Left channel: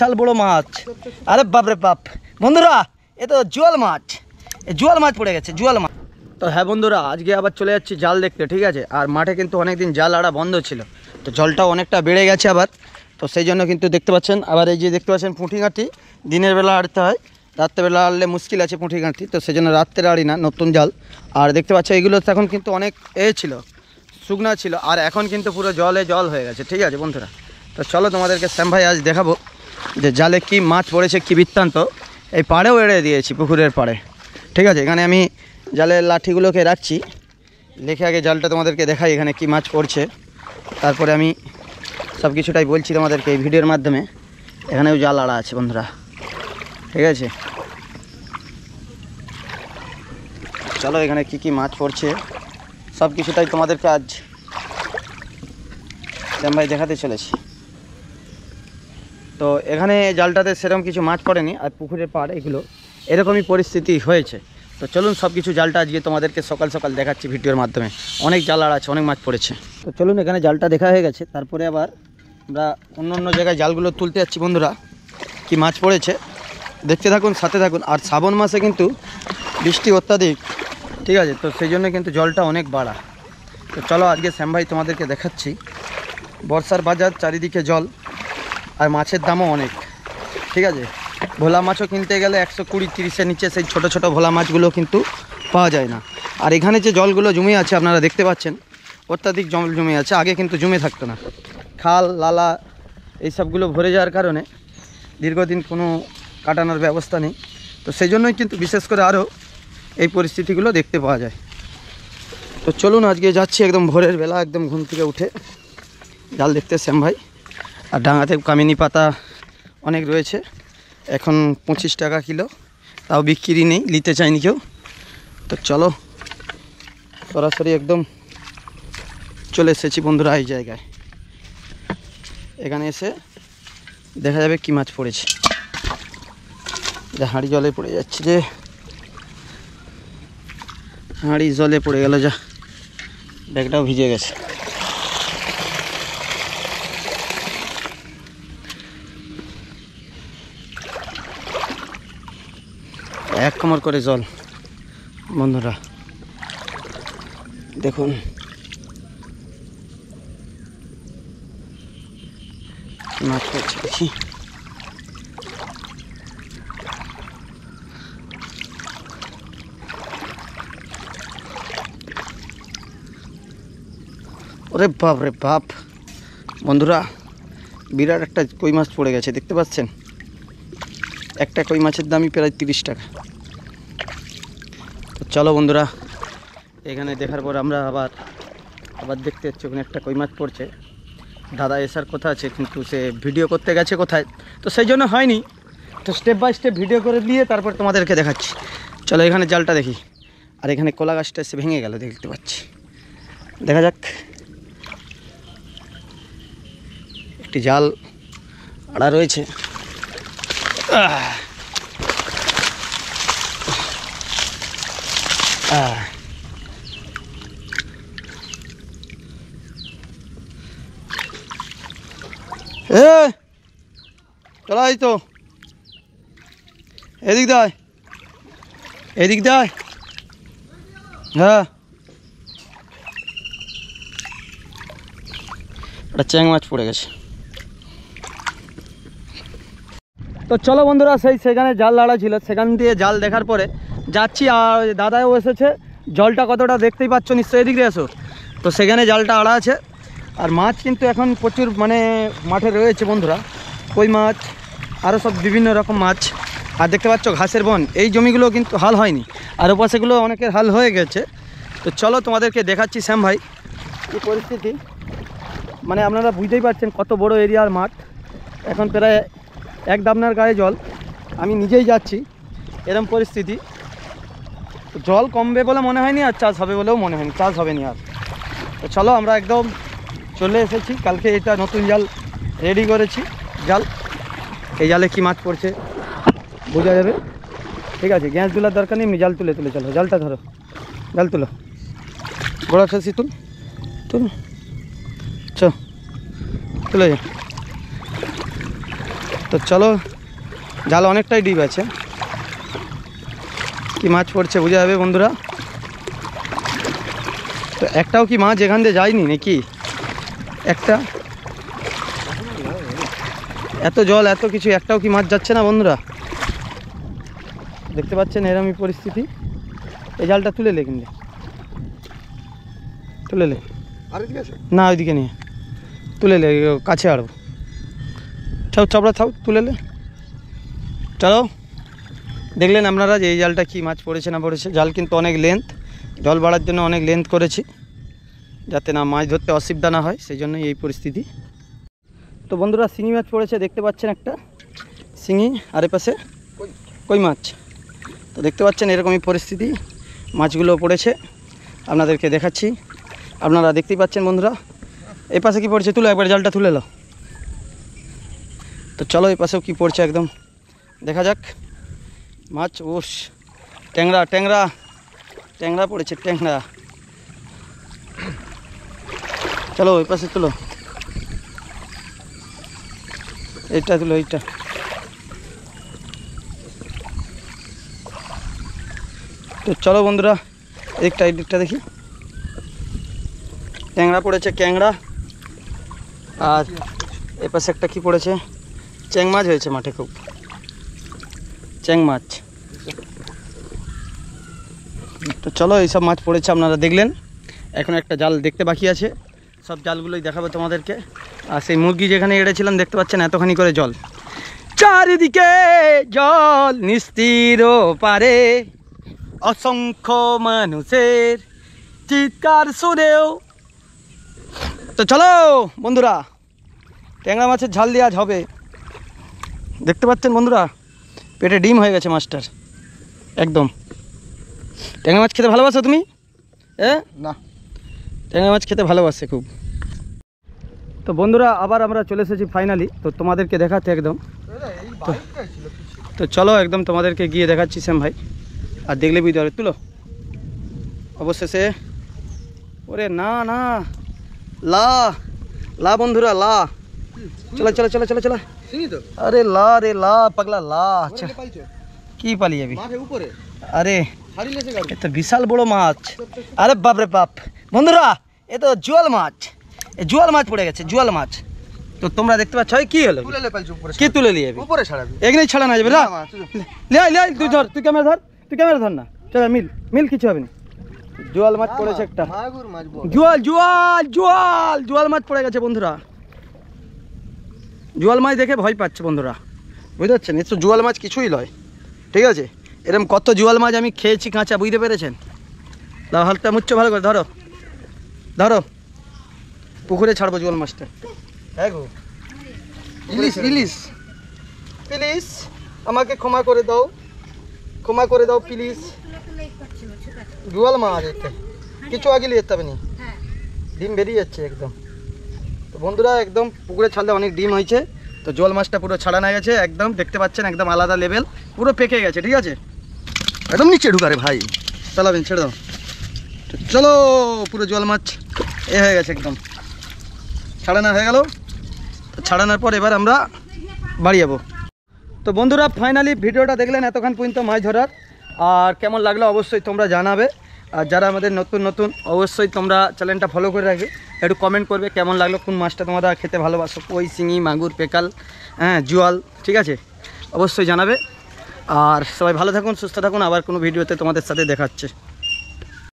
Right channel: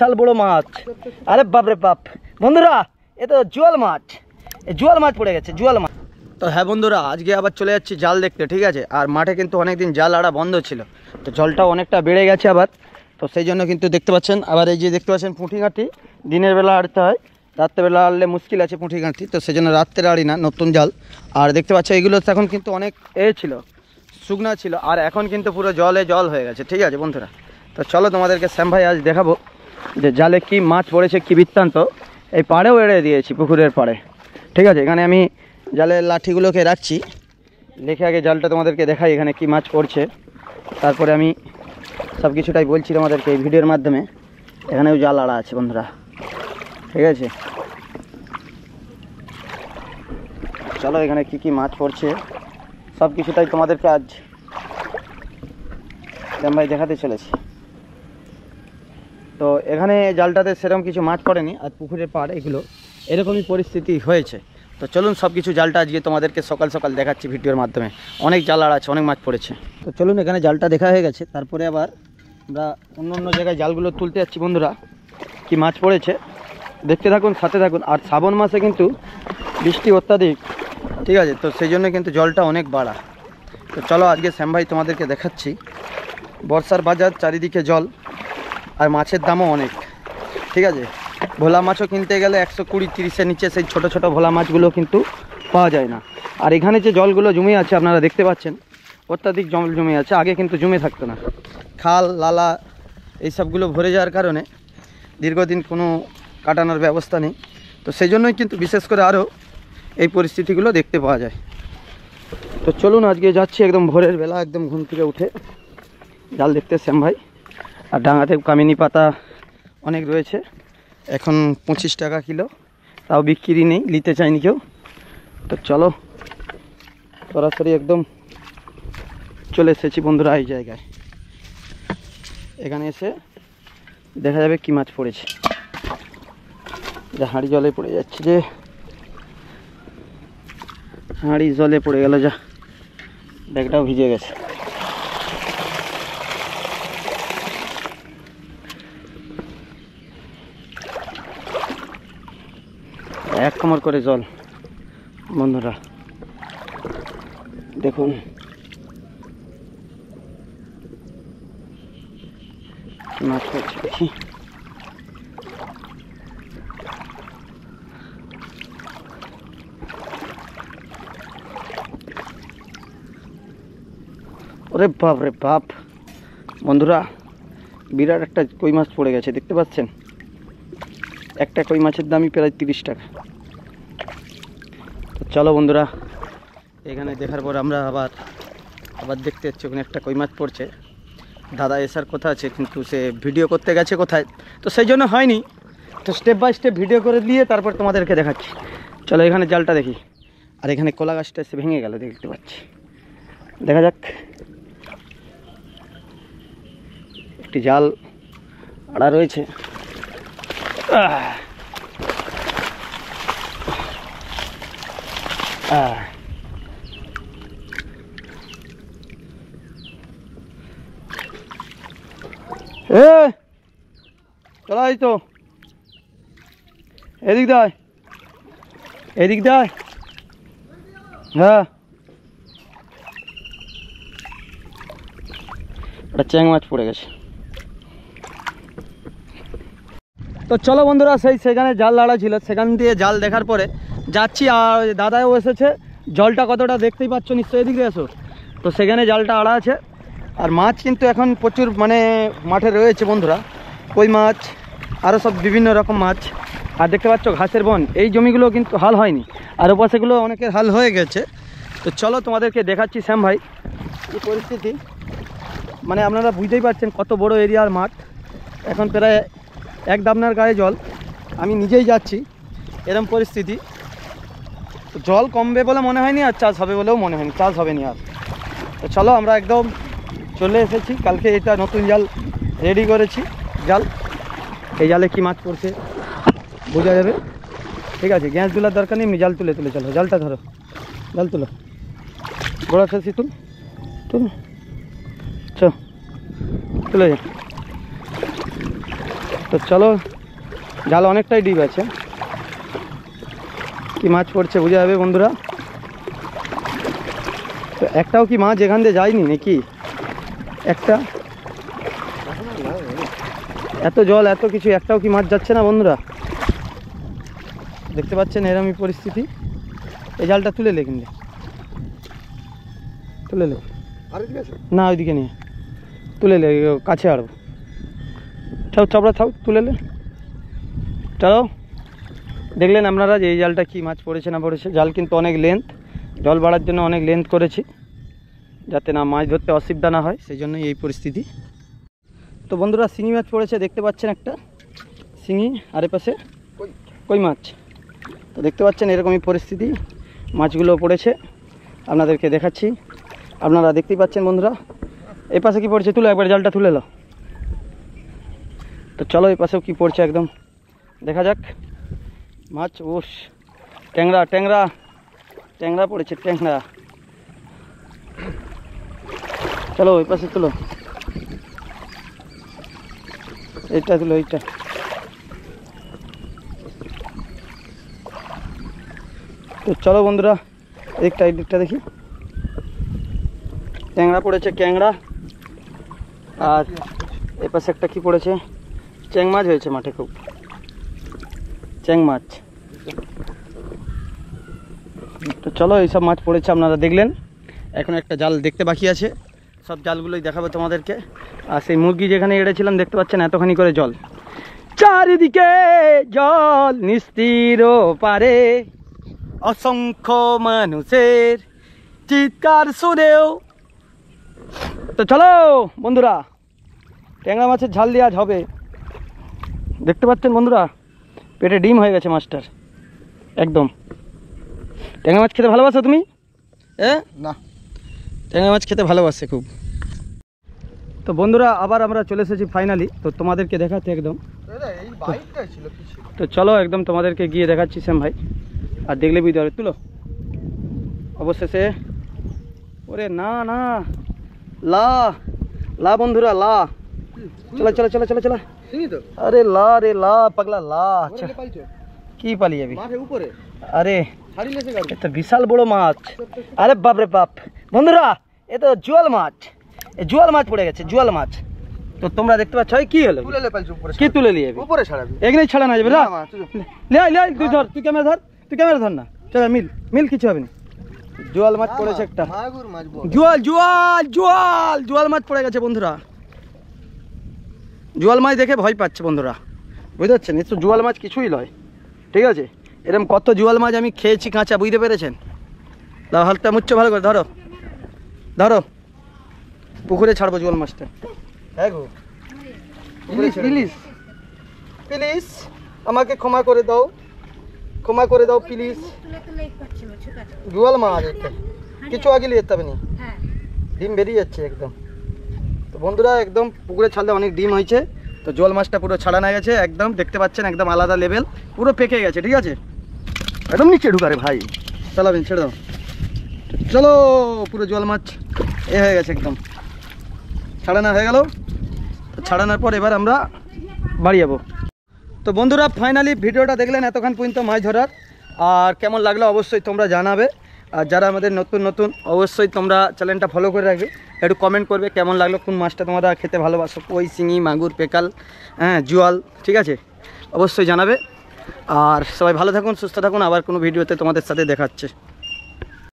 বিশাল বড় মাছ। আরে বাপ রে বাপ বন্ধুরা, এ তো জোয়াল মাছ, জোয়াল মাছ পড়ে গেছে, জোয়াল মাছ। তো হ্যাঁ বন্ধুরা, আজকে আবার চলে যাচ্ছি জাল দেখতে, ঠিক আছে। আর মাঠে কিন্তু অনেকদিন জাল আড়া বন্ধ ছিল, তো জলটাও অনেকটা বেড়ে গেছে আবার। তো সেই জন্য কিন্তু দেখতে পাচ্ছেন, আবার এই যে দেখতে পাচ্ছেন পুঁটি ঘাঁটি দিনের বেলা আড়তে হয়, রাত্রেবেলা আড়লে মুশকিল আছে পুঁটি ঘাঁটি, তো সেই জন্য রাত্রে আড়ি না, নতুন জাল। আর দেখতে পাচ্ছ এগুলো এখন কিন্তু অনেক ছিল, শুকনা ছিল, আর এখন কিন্তু পুরো জলে জল হয়ে গেছে, ঠিক আছে বন্ধুরা। তো চলো তোমাদেরকে শ্যাম ভাই আজ দেখাবো যে জালে কি মাছ পড়েছে, কি বৃত্তান্ত। এই পাড়েও এড়ে দিয়েছি, পুকুরের পাড়ে, ঠিক আছে। এখানে আমি জালের লাঠিগুলোকে রাখছি, রেখে আগে জালটা তোমাদেরকে দেখাই এখানে কি মাছ পড়ছে, তারপরে আমি সব কিছুটাই বলছি তোমাদেরকে এই ভিডিওর মাধ্যমে। এখানেও জাল আড়া আছে বন্ধুরা, ঠিক আছে। চলো এখানে কি কি মাছ পড়ছে সব কিছুটাই তোমাদেরকে আজ শ্যাম ভাই দেখাতে চলেছি। তো এখানে জালটাতে সেরকম কিছু মাছ পড়েনি, আর পুকুরের পাড় এগুলো এরকমই পরিস্থিতি হয়েছে। তো চলুন সব কিছু জালটা আজকে তোমাদেরকে সকাল সকাল দেখাচ্ছি ভিডিওর মাধ্যমে। অনেক জাল আড়া আছে, অনেক মাছ পড়েছে। তো চলুন, এখানে জালটা দেখা হয়ে গেছে, তারপরে আবার আমরা অন্য অন্য জায়গায় জালগুলো তুলতে যাচ্ছি বন্ধুরা। কি মাছ পড়েছে দেখতে থাকুন, সাথে থাকুন। আর শ্রাবণ মাসে কিন্তু বৃষ্টি অত্যাধিক, ঠিক আছে, তো সেই জন্য কিন্তু জলটা অনেক বাড়া। তো চলো আজকে শ্যাম ভাই তোমাদেরকে দেখাচ্ছি। বর্ষার বাজার, চারিদিকে জল, আর মাছের দামও অনেক, ঠিক আছে। ভোলা মাছও কিনতে গেলে 120-130-এর নিচে সেই ছোট ছোট ভোলা মাছগুলো কিন্তু পাওয়া যায় না। আর এখানে যে জলগুলো জমে আছে আপনারা দেখতে পাচ্ছেন, অত্যাধিক জল জমে আছে, আগে কিন্তু জমে থাকতো না। খাল লালা এইসবগুলো ভরে যাওয়ার কারণে দীর্ঘদিন কোনো কাটানোর ব্যবস্থা নেই, তো সেই জন্যই কিন্তু বিশেষ করে আরও এই পরিস্থিতিগুলো দেখতে পাওয়া যায়। তো চলুন আজকে যাচ্ছি একদম ভোরের বেলা, একদম ঘুম থেকে উঠে জাল দেখতে শ্যাম ভাই। আর ডাঙাতে কামিনী পাতা অনেক রয়েছে, এখন 25 টাকা কিলো, তাও বিক্রি নেই, নিতে চাইনি কেউ। তো চলো সরাসরি একদম চলে এসেছি বন্ধুরা এই জায়গায়। এখানে এসে দেখা যাবে কি মাছ পড়েছে। হাঁড়ি জলে পড়ে যাচ্ছে, যে হাঁড়ি জলে পড়ে গেল, যা ব্যাগটাও ভিজে গেছে। এক কোমর করে জল বন্ধুরা, দেখুন মাছ পড়ছে দেখি। ওরে বাপ রে বাপ বন্ধুরা, বিরাট একটা কই মাছ পড়ে গেছে, দেখতে পাচ্ছেন। একটা কই মাছের দামই প্রায় 30 টাকা। তো চলো বন্ধুরা, এখানে দেখার পর আমরা আবার দেখতে যাচ্ছি ওখানে একটা কই মাছ পড়ছে। দাদা এসার কথা আছে, কিন্তু সে ভিডিও করতে গেছে কোথায়, তো সেই জন্য হয়নি। তো স্টেপ বাই স্টেপ ভিডিও করে দিয়ে তারপর তোমাদেরকে দেখাচ্ছি। চলো এখানে জালটা দেখি। আর এখানে কলা গাছটা এসে ভেঙে গেল, দেখতে পাচ্ছি, দেখা যাক। একটি জাল আড়া রয়েছে, চলো এই তো এদিক দায়, এদিক দায়, হ্যাঁ একটা চ্যাং মাছ পড়ে গেছে। তো চলো বন্ধুরা, সেখানে জাল লাড়া ছিল, সেখান দিয়ে জাল দেখার পরে যাচ্ছি। আর দাদাও এসেছে, জলটা কতটা দেখতেই পাচ্ছ নিশ্চয়ই, এদিকে এসো। তো সেখানে জালটা আড়া আছে, আর মাছ কিন্তু এখন প্রচুর মানে মাঠে রয়েছে বন্ধুরা, কই মাছ আরও সব বিভিন্ন রকম মাছ। আর দেখতে পাচ্ছ ঘাসের বন, এই জমিগুলো কিন্তু হাল হয়নি, আর ওপাশেগুলো অনেকের হাল হয়ে গেছে। তো চলো তোমাদেরকে দেখাচ্ছি শ্যাম ভাই কি পরিস্থিতি, মানে আপনারা বুঝতেই পারছেন কত বড় এরিয়ার মাঠ। এখন প্রায় এক দাবনার গায়ে জল, আমি নিজেই যাচ্ছি, এরকম পরিস্থিতি। জল কমবে বলে মনে হয়নি, আর চাষ হবে বলেও মনে হয়নি, চাষ হবে না আর। তো চলো আমরা একদম চলে এসেছি, কালকে এটা নতুন জাল রেডি করেছি। জাল, এই জালে কি মাছ পড়ছে বোঝা যাবে, ঠিক আছে। গ্যাস তোলার দরকার নেই, এমনি জাল তুলে চলো, জালটা ধরো, জাল তুলো, বড় ছেসি তুল তুলে যা। তো চলো, জাল অনেকটাই ডিপ আছে, কি মাছ পড়ছে বোঝা যাবে বন্ধুরা। তো একটাও কি মাছ এখান দিয়ে যায়নি নাকি? একটা এত জল এত কিছু, একটাও কি মাছ যাচ্ছে না বন্ধুরা? দেখতে পাচ্ছেন এরকমই পরিস্থিতি। এই জালটা তুলে লে, কিন্তু তুলে লে না, ওইদিকে নিয়ে তুলে লে, কাছে আড়বো। ছাও চাপড়া থাও, তুলে লে। চলো, দেখলেন আপনারা যে এই জালটা কি মাছ পড়েছে না পড়েছে। জাল কিন্তু অনেক লেন্থ, জল বাড়ার জন্য অনেক লেন্থ করেছি, যাতে না মাছ ধরতে অসুবিধা না হয়, সেই জন্যই এই পরিস্থিতি। তো বন্ধুরা শিঙি মাছ পড়েছে, দেখতে পাচ্ছেন একটা শিঙি, আর এপাশে কই মাছ। তো দেখতে পাচ্ছেন এরকমই পরিস্থিতি, মাছগুলো পড়েছে, আপনাদেরকে দেখাচ্ছি। আপনারা দেখতেই পাচ্ছেন বন্ধুরা। এই পাশে কী পড়ছে, তুলো একবার জালটা তুলে নাও। তো চলো এই পাশেও কী পড়ছে একদম দেখা যাক। মাছ, ওস, ট্যাংরা ট্যাংরা ট্যাংরা পড়েছে, ট্যাংরা। চলো ওই পাশে তুলো, এইটা তুলো, এইটা। তো চলো বন্ধুরা, এদিকটা এই দিকটা দেখি, ট্যাংরা পড়েছে, ট্যাংরা। আর এ পাশে একটা কি পড়েছে, চ্যাং মাছ হয়েছে মাঠে, খুব চ্যাং মাছ। তো চলো এইসব মাছ পড়েছে, আপনারা দেখলেন। এখন একটা জাল দেখতে বাকি আছে, সব জালগুলোই দেখাবো তোমাদেরকে। আর সেই মুরগি যেখানে এড়েছিলাম দেখতে পাচ্ছেন এতখানি করে জল, চারিদিকে জল, নিস্তীর পারে অসংখ্য মানুষের চিৎকার শুনেও। তো চলো বন্ধুরা, ট্যাংরা মাছের ঝাল দিয়ে আজ হবে। দেখতে পাচ্ছেন বন্ধুরা, পেটে ডিম হয়ে গেছে মাছটার একদম। ট্যাংরা মাছ খেতে ভালোবাসো তুমি? না, ট্যাংরা মাছ খেতে ভালোবাসে খুব। তো বন্ধুরা আবার আমরা চলে এসেছি ফাইনালি, তো তোমাদেরকে দেখাতে একদম। তো চলো একদম তোমাদেরকে গিয়ে দেখাচ্ছি শ্যাম ভাই, আর দেখলে বুঝতে পারবে। তুলো অবশেষে, ওরে না না, লা লা বন্ধুরা, লা। চলো চলো চলো চলো চলো, আরে লা রে লা পাগলা লা। আচ্ছা কি পালি যাবি উপরে? আরে এ তো বিশাল বড় মাছ। আরে বাপ রে বাপ বন্ধুরা, এ তো জোয়াল মাছ, এ জোয়াল মাছ পড়ে গেছে, জোয়াল মাছ। তো তোমরা দেখতে পাচ্ছ কি হলো, কি তুলে নিয়ে যাবি? উপরে ছাড়াবি, এখানেই ছাড়া না যাবে না। লে তুই ধর, তুই ক্যামেরা ধর, তুই ক্যামেরা ধর না। চল মিল মিল, কিছু হবে না। জোয়াল মাছ পড়েছে একটা, জোয়াল জোয়াল জোয়াল জোয়াল মাছ পড়ে গেছে বন্ধুরা। জোয়াল মাছ দেখে ভয় পাচ্ছে বন্ধুরা, বুঝতে পারছেন? এ তো জোয়াল মাছ কিছুই নয়, ঠিক আছে? এরকম কত জোয়াল মাছ আমি খেয়েছি কাঁচা, বুঝতে পেরেছেন? দাও হালটা মুচ্ছ ভালো করে, ধরো ধরো, পুকুরে ছাড়বো জোয়াল মাছটা। হ্যাঁ গো, ইলিশ ইলিশ, প্লিজ আমাকে ক্ষমা করে দাও, ক্ষমা করে দাও প্লিজ। জোয়াল মাছ এটা কিছু আগে নিয়ে যেতে হবে না, ডিম বেরিয়ে যাচ্ছে একদম। তো বন্ধুরা একদম পুকুরে ছাড়লে অনেক ডিম হয়েছে। তো জোয়াল মাছটা পুরো ছাড়ানো গেছে একদম, দেখতে পাচ্ছেন একদম আলাদা লেভেল, পুরো পেকে গেছে, ঠিক আছে? একদম নিচে ঢুকারে ভাই, চালাবেন, ছেড়ে দাও। চলো, পুরো জোয়াল মাছ এ হয়ে গেছে একদম, ছাড়ানো হয়ে গেল। তো ছাড়ানোর পর এবার আমরা বাড়ি যাবো। তো বন্ধুরা ফাইনালি ভিডিওটা দেখলেন এতক্ষণ পর্যন্ত মাছ ধরার, আর কেমন লাগলো অবশ্যই তোমরা জানাবে। আর যারা আমাদের নতুন নতুন অবশ্যই তোমরা চ্যানেলটা ফলো করে রাখবে, একটু কমেন্ট করবে কেমন লাগলো, কোন মাছটা তোমরা খেতে ভালোবাসো, কই, শিঙি, মাগুর, পেকাল, হ্যাঁ জোয়াল, ঠিক আছে? অবশ্যই জানাবে। আর সবাই ভালো থাকুন, সুস্থ থাকুন, আবার কোনো ভিডিওতে তোমাদের সাথে দেখাচ্ছে।